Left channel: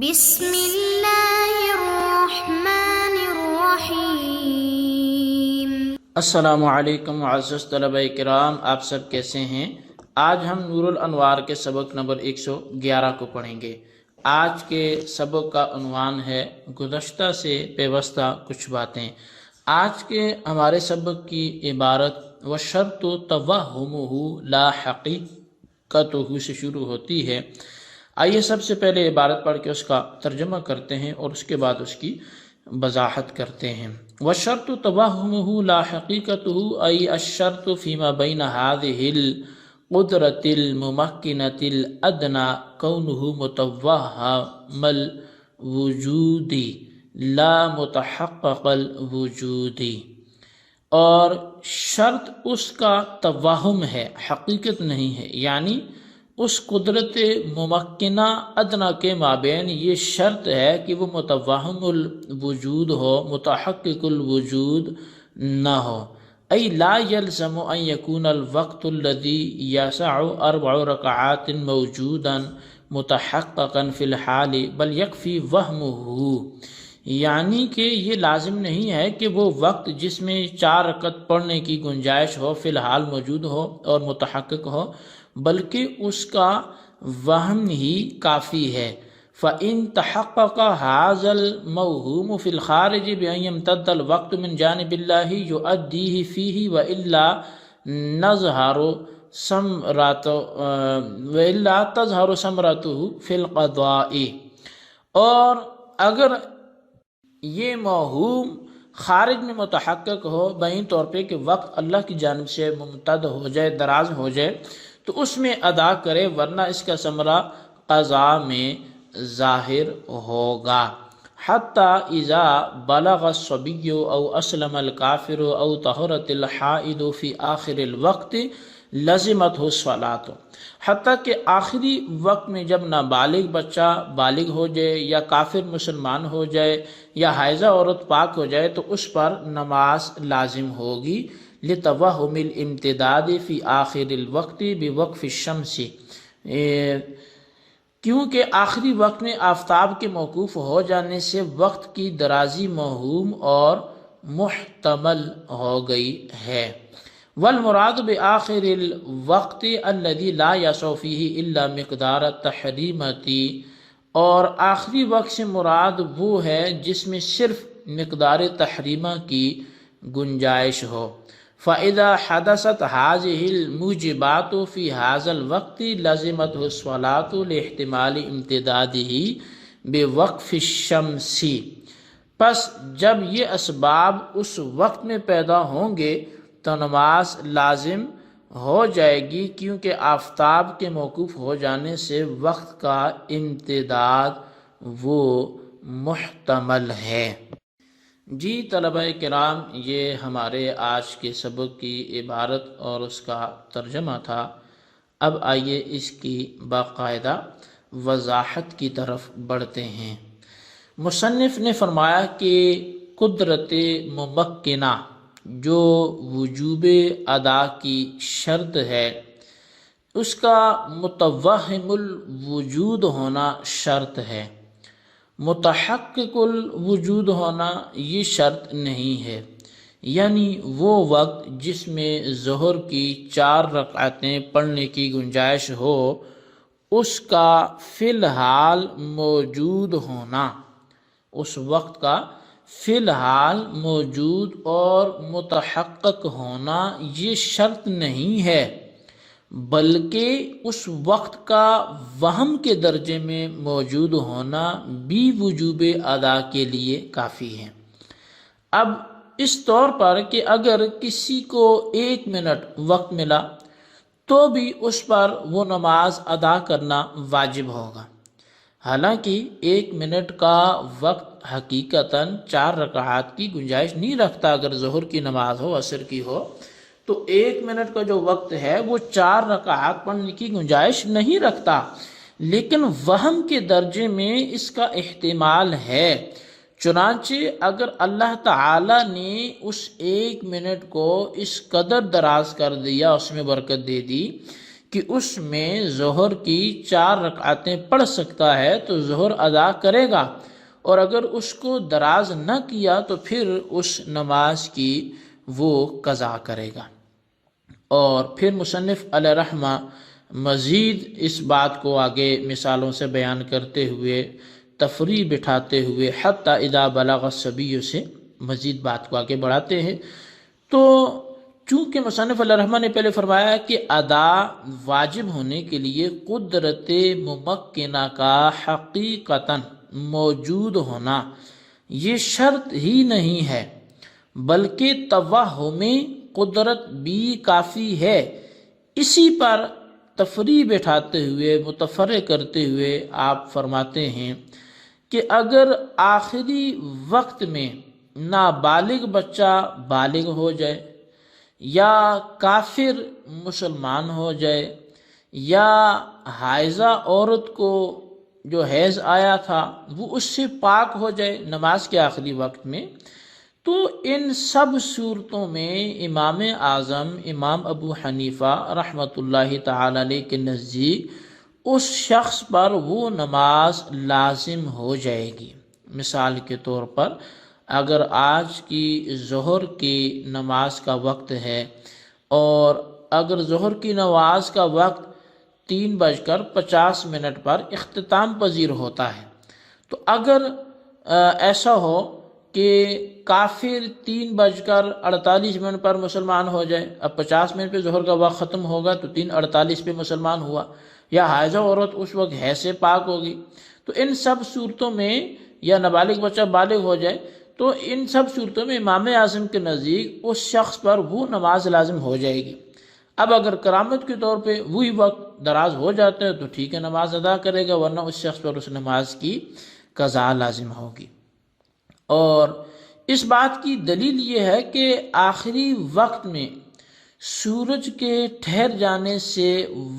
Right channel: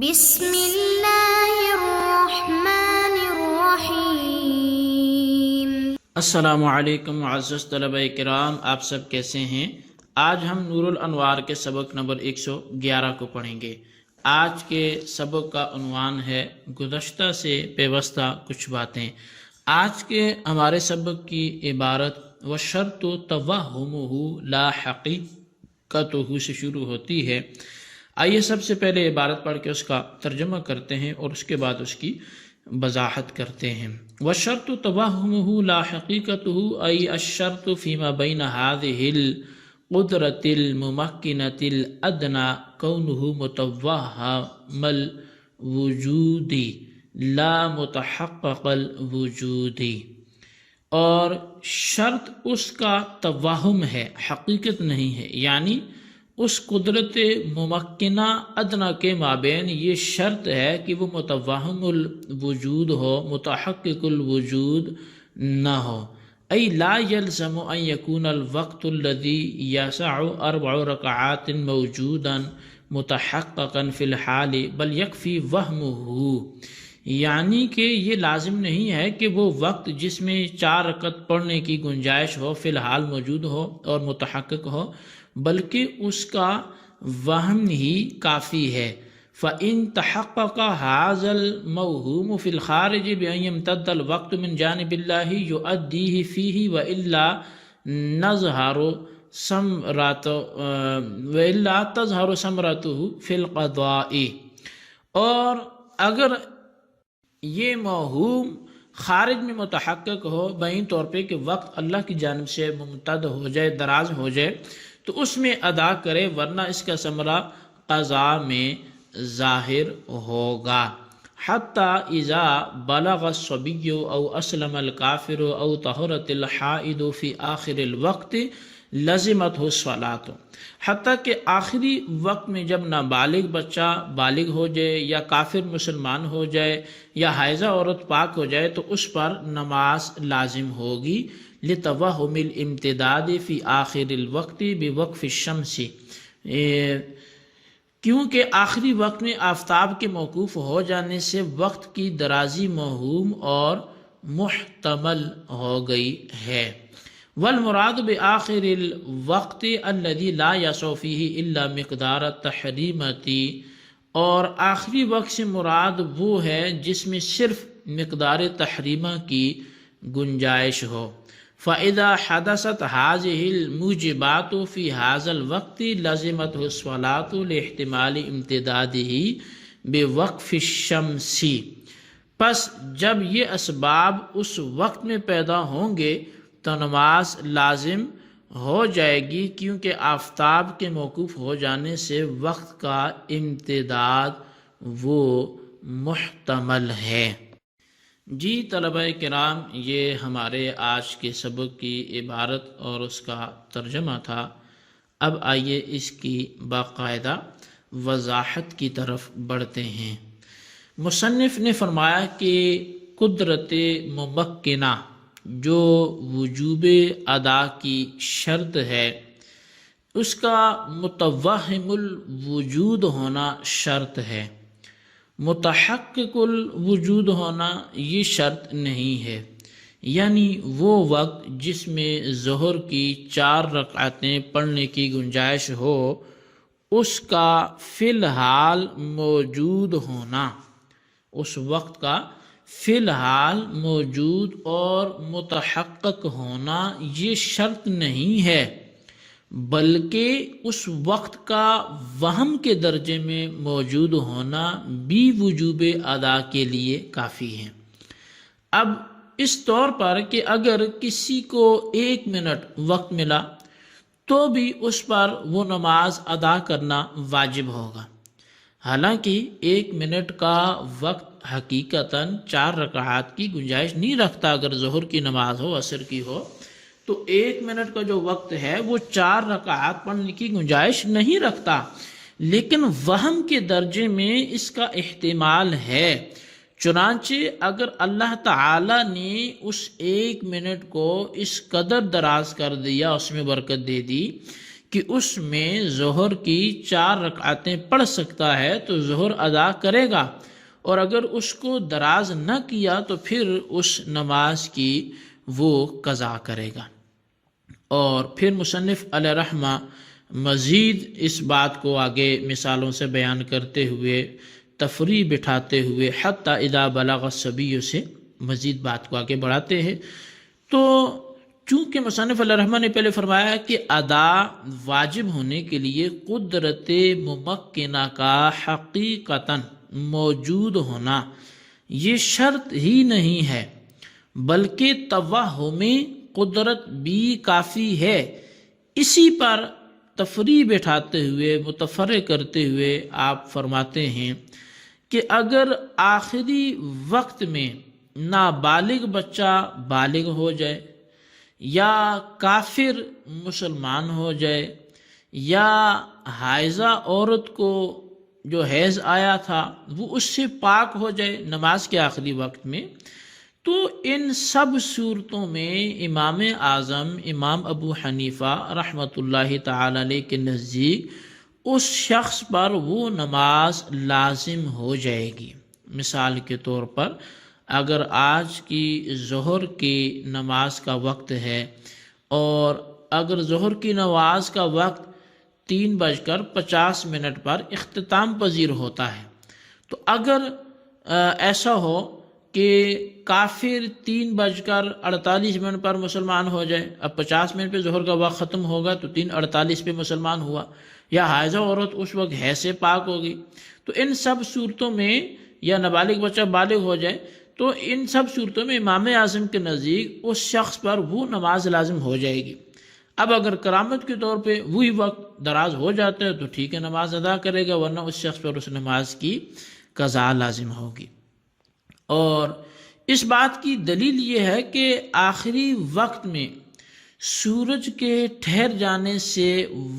بسم اللہ الرحمن الرحیم۔ السلام علیکم معزز طلبہ کرام، آپ سب کیسے ہیں؟ آج ہم نور الانوار کے سبق نمبر 111 کو پڑھیں گے۔ آج کے سبق کا عنوان ہے گزشتہ سے پیوستہ کچھ باتیں۔ آج کے ہمارے سبق کی عبارت وَالشَّرْطُ تَوَہُّمُهُ لَا حَقِيقَتُهُ سے شروع ہوتی ہے۔ آئیے سب سے پہلے عبارت پڑھ کے اس کا ترجمہ کرتے ہیں اور اس کے بعد اس کی وضاحت کرتے ہیں۔ وَالشَّرْطُ تَوَہُّمُهُ لَا حَقِيقَتُهُ أي الشرط فيما بين هذه القدرة الممكنة الأدنى كونه متوهم الوجود لا متحقق الوجود، اور شرط اس کا توہم ہے، حقیقت نہیں ہے، یعنی اس قدرت ممکنہ ادنا کے مابین یہ شرط ہے کہ وہ متوہم الوجود ہو، متحقق الوجود نہ ہو۔ ای لا یلزم ان یکون الوقت الذی یسع 4 رکعات موجودا متحققا فی الحال بل یکفی وہمہ، یعنی کہ یہ لازم نہیں ہے کہ وہ وقت جس میں 4 رکعت پڑھنے کی گنجائش ہو فی الحال موجود ہو اور متحقق ہو، بلکہ اس کا وہم ہی کافی ہے۔ فَإِن تَحَقَّقَ هَذَا الْمَوْهُومُ فِي الْخَارِجِ بِأَن يَمْتَدَّ الْوَقْتُ مِنْ جَانِبِ اللَّهِ يُؤَدِّيهِ فِيهِ وَإِلَّا تَظْهَرُ ثَمْرَتُهُ فِي الْقَضَاءِ، اور اگر یہ موہوم خارج میں متحقق ہو بعین طور پہ کہ وقت اللہ کی جانب سے ممتد ہو جائے، دراز ہو جائے، تو اس میں ادا کرے، ورنہ اس کا ثمرہ قضاء میں ظاہر ہوگا۔ حتی اذا بلغ الصبی او اسلم الکافر او طہرت الحائض فی آخر الوقت لزمتہ الصلاۃ، حتیٰ کہ آخری وقت میں جب نابالغ بچہ بالغ ہو جائے یا کافر مسلمان ہو جائے یا حائضہ عورت پاک ہو جائے تو اس پر نماز لازم ہوگی، لتوہم الامتداد فی آخر الوقت بوقف الشمس، کیونکہ آخری وقت میں آفتاب کے موقوف ہو جانے سے وقت کی درازی موہوم اور محتمل ہو گئی ہے۔ والمراد بآخر الوقت الذي لا يسع فيه الا مقدار التحریمۃ، اور آخری وقت سے مراد وہ ہے جس میں صرف مقدار تحریمہ کی گنجائش ہو۔ فَإِذَا حَدَثَتْ هَذِهِ الْمُوجِبَاتُ فِي هَذَا الْوَقْتِ لَزِمَتْهُ الصَّلَاةُ لِاحْتِمَالِ امْتِدَادِهِ بِوَقْفِ الشَّمْسِ، پس جب یہ اسباب اس وقت میں پیدا ہوں گے تو نماز لازم ہو جائے گی، کیونکہ آفتاب کے موقوف ہو جانے سے وقت کا امتداد وہ محتمل ہے۔ جی طلبہ کرام، یہ ہمارے آج کے سبق کی عبارت اور اس کا ترجمہ تھا۔ اب آئیے اس کی باقاعدہ وضاحت کی طرف بڑھتے ہیں۔ مصنف نے فرمایا کہ قدرت ممکنہ جو وجوب ادا کی شرط ہے، اس کا متوہم الوجود ہونا شرط ہے، متحقق الوجود ہونا یہ شرط نہیں ہے، یعنی وہ وقت جس میں ظہر کی 4 رکعتیں پڑھنے کی گنجائش ہو، اس کا فی الحال موجود ہونا، اس وقت کا فی الحال موجود اور متحقق ہونا یہ شرط نہیں ہے، بلکہ اس وقت کا وہم کے درجے میں موجود ہونا بھی وجوب ادا کے لیے کافی ہے۔ اب اس طور پر کہ اگر کسی کو 1 منٹ وقت ملا تو بھی اس پر وہ نماز ادا کرنا واجب ہوگا، حالانکہ 1 منٹ کا وقت حقیقتاً 4 رکعات کی گنجائش نہیں رکھتا۔ اگر ظہر کی نماز ہو، عصر کی ہو، تو 1 منٹ کا جو وقت ہے وہ 4 رکعات پڑھنے کی گنجائش نہیں رکھتا، لیکن وہم کے درجے میں اس کا احتمال ہے۔ چنانچہ اگر اللہ تعالی نے اس 1 منٹ کو اس قدر دراز کر دیا، اس میں برکت دے دی کہ اس میں ظہر کی 4 رکعتیں پڑھ سکتا ہے تو ظہر ادا کرے گا، اور اگر اس کو دراز نہ کیا تو پھر اس نماز کی وہ قضا کرے گا۔ اور پھر مصنف علیہ رحمہ مزید اس بات کو آگے مثالوں سے بیان کرتے ہوئے، تفریع بٹھاتے ہوئے حتی اذا بلغ الصبی سے مزید بات کو آگے بڑھاتے ہیں۔ تو چونکہ مصنف علیہ رحمہ نے پہلے فرمایا کہ ادا واجب ہونے کے لیے قدرت ممکنہ کا حقیقتاً موجود ہونا یہ شرط ہی نہیں ہے، بلکہ توہم قدرت بھی کافی ہے۔ اسی پر تفریع بٹھاتے ہوئے، متفرع کرتے ہوئے آپ فرماتے ہیں کہ اگر آخری وقت میں نابالغ بچہ بالغ ہو جائے، یا کافر مسلمان ہو جائے، یا حائضہ عورت کو جو حیض آیا تھا وہ اس سے پاک ہو جائے نماز کے آخری وقت میں، تو ان سب صورتوں میں امام اعظم امام ابو حنیفہ رحمۃ اللہ تعالی علیہ کے نزدیک اس شخص پر وہ نماز لازم ہو جائے گی۔ مثال کے طور پر اگر آج کی ظہر کی نماز کا وقت ہے، اور اگر ظہر کی نماز کا وقت 3:50 پر اختتام پذیر ہوتا ہے، تو اگر ایسا ہو کہ کافر 3:48 پر مسلمان ہو جائے، اب 50 منٹ پہ ظہر کا وقت ختم ہوگا تو 3:48 پہ مسلمان ہوا، یا حائضہ عورت اس وقت حیض سے پاک ہوگی، تو ان سب صورتوں میں، یا نابالغ بچہ بالغ ہو جائے، تو ان سب صورتوں میں امام اعظم کے نزدیک اس شخص پر وہ نماز لازم ہو جائے گی۔ اب اگر کرامت کے طور پہ وہی وقت دراز ہو جاتا ہے تو ٹھیک ہے، نماز ادا کرے گا، ورنہ اس شخص پر اس نماز کی قضا لازم ہوگی۔ اور اس بات کی دلیل یہ ہے کہ آخری وقت میں سورج کے ٹھہر جانے سے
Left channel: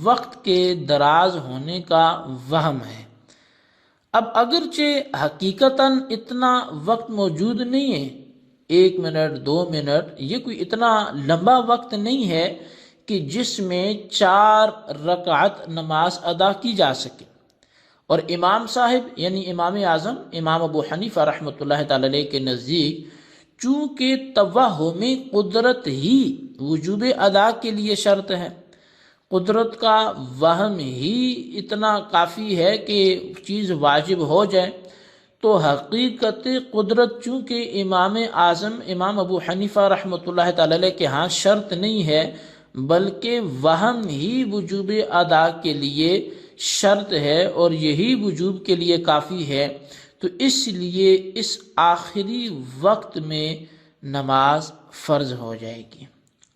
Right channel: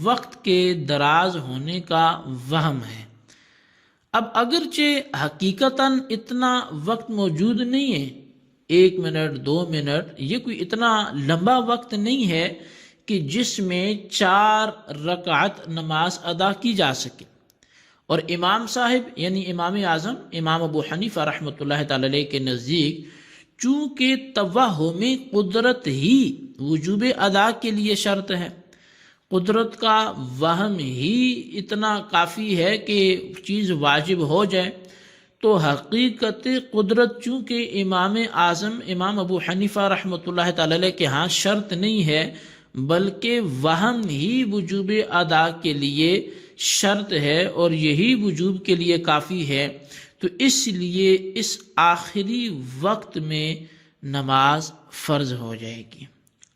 وقت کے دراز ہونے کا وہم ہے۔ اب اگرچہ حقیقتاً اتنا وقت موجود نہیں ہے، 1 منٹ 2 منٹ، یہ کوئی اتنا لمبا وقت نہیں ہے کہ جس میں 4 رکعت نماز ادا کی جا سکے، اور امام صاحب یعنی امام اعظم امام ابو حنیفہ رحمۃ اللہ تعالی علیہ کے نزدیک چونکہ توہم قدرت ہی وجوب ادا کے لیے شرط ہے، قدرت کا وہم ہی اتنا کافی ہے کہ چیز واجب ہو جائے، تو حقیقت قدرت چونکہ امام اعظم امام ابو حنیفہ رحمۃ اللہ تعالی علیہ کے ہاں شرط نہیں ہے، بلکہ وہم ہی وجوب ادا کے لیے شرط ہے، اور یہی وجوب کے لیے کافی ہے، تو اس لیے اس آخری وقت میں نماز فرض ہو جائے گی۔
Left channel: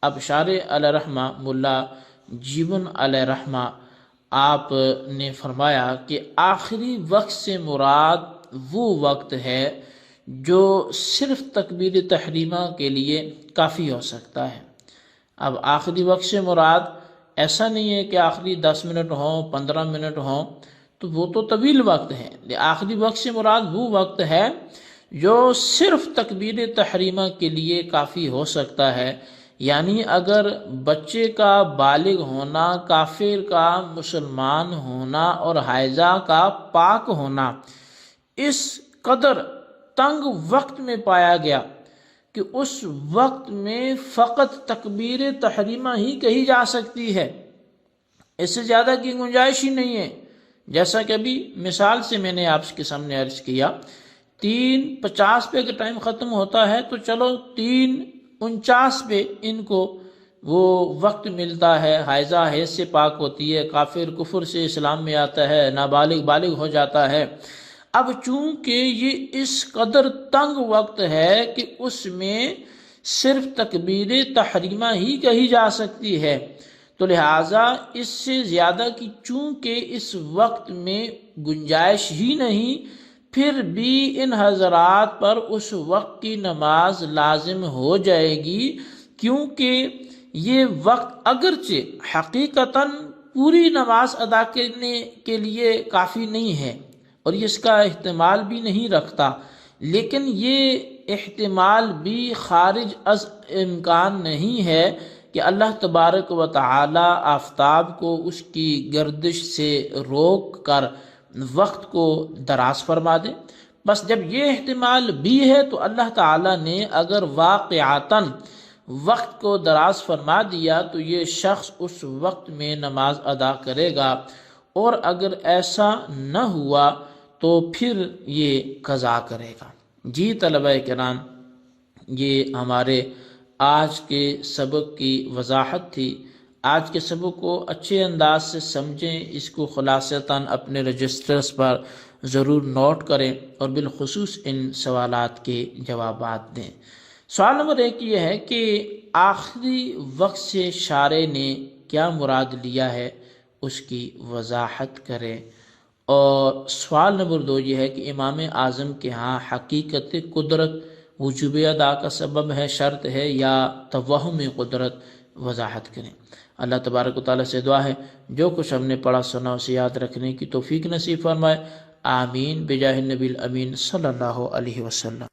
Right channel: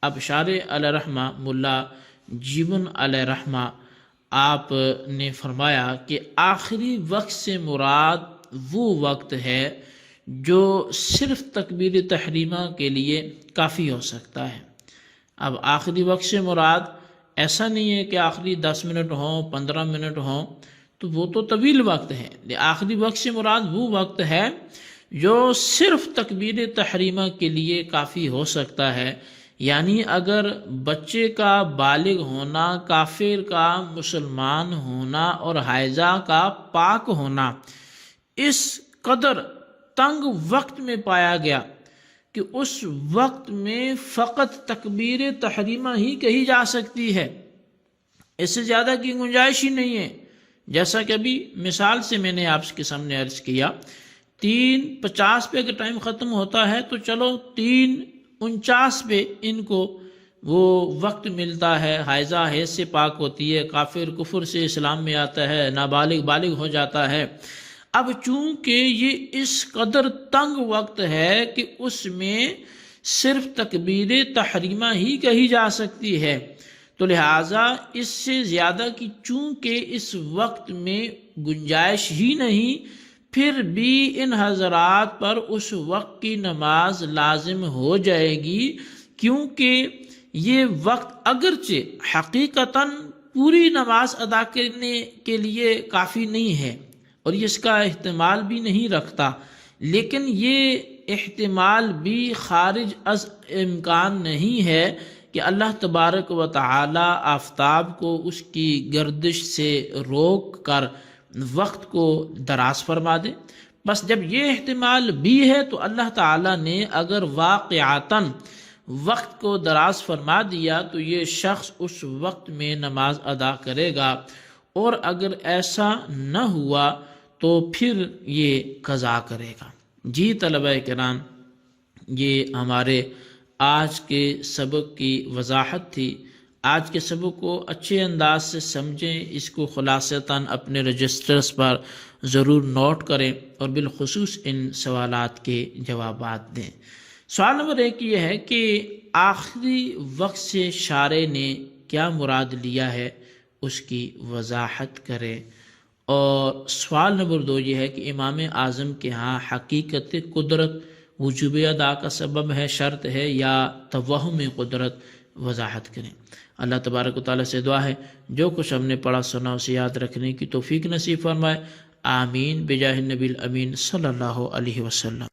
اب شارح علیہ رحمہ ملا جیون علیہ رحمہ آپ نے فرمایا کہ آخری وقت سے مراد وہ وقت ہے جو صرف تکبیر تحریمہ کے لیے کافی ہو سکتا ہے۔ اب آخری وقت سے مراد ایسا نہیں ہے کہ آخری 10 منٹ ہوں 15 منٹ ہوں، تو وہ تو طویل وقت ہے۔ آخری وقت سے مراد وہ وقت ہے جو صرف تکبیر تحریمہ کے لیے کافی ہو سکتا ہے، یعنی اگر بچے کا بالغ ہونا، کافر کا مسلمان ہونا، اور حائضہ کا پاک ہونا اس قدر تنگ وقت میں پایا گیا کہ اس وقت میں فقط تکبیر تحریمہ ہی کہی جا سکتی ہے، اس سے زیادہ کی گنجائش ہی نہیں ہے۔ جیسا کہ ابھی مثال سے میں نے آپ کے سامنے عرض کیا، 3:50 پہ اگر ٹائم ختم ہوتا ہے تو چلو 3:49 پہ ان کو وہ وقت ملتا ہے، حائضہ حیض سے پاک ہوتی ہے، کافر کفر سے اسلام میں آتا ہے، نابالغ بالغ ہو جاتا ہے۔ اب چونکہ یہ اس قدر تنگ وقت ہے کہ اس میں صرف تکبیر تحریمہ ہی کہی جا سکتی ہے، تو لہٰذا اس سے زیادہ کی چونکہ اس وقت میں گنجائش ہی نہیں، پھر بھی ان حضرات پر اس وقت کی نماز لازم ہو جائے گی، کیونکہ یہ وقت اگرچہ حقیقتاً پوری نماز ادا کرنے کے لیے کافی نہیں ہے، اور یہ اس کا احتمال بھی نہیں رکھتا، لیکن یہ احتمال بھی خارج از امکان نہیں ہے کہ اللہ تبارک و تعالی آفتاب کو اس کی گردش سے روک کر وقت کو دراز فرما دے. بس جب یہ احتمال بھی ہے تو اللہ تعالی نے اگر واقعتاً وقت کو دراز فرما دیا تو یہ شخص اس وقت میں نماز ادا کرے گا، اور اگر ایسا نہ ہوا تو پھر یہ قضا کرے گا. جی طلبہ کرام، یہ ہمارے آج کے سبق کی وضاحت تھی. آج کے سبق کو اچھے انداز سے سمجھیں، اس کو خلاصتاً اپنے رجسٹرز پر ضرور نوٹ کریں اور بالخصوص ان سوالات کے جوابات دیں. سوال نمبر 1 یہ ہے کہ آخری وقت سے شارع نے کیا مراد لیا ہے، اس کی وضاحت کریں. اور سوال نمبر 2 یہ ہے کہ امام اعظم کے ہاں حقیقت قدرت وجوب ادا کا سبب ہے، شرط ہے، یا توہم قدرت، وضاحت کریں. اللہ تبارک و تعالیٰ سے دعا ہے جو کچھ ہم نے پڑھا سنا اسے یاد رکھنے کی توفیق نصیب فرمائے. آمین بجاہ النبی الامین صلی اللہ علیہ وسلم.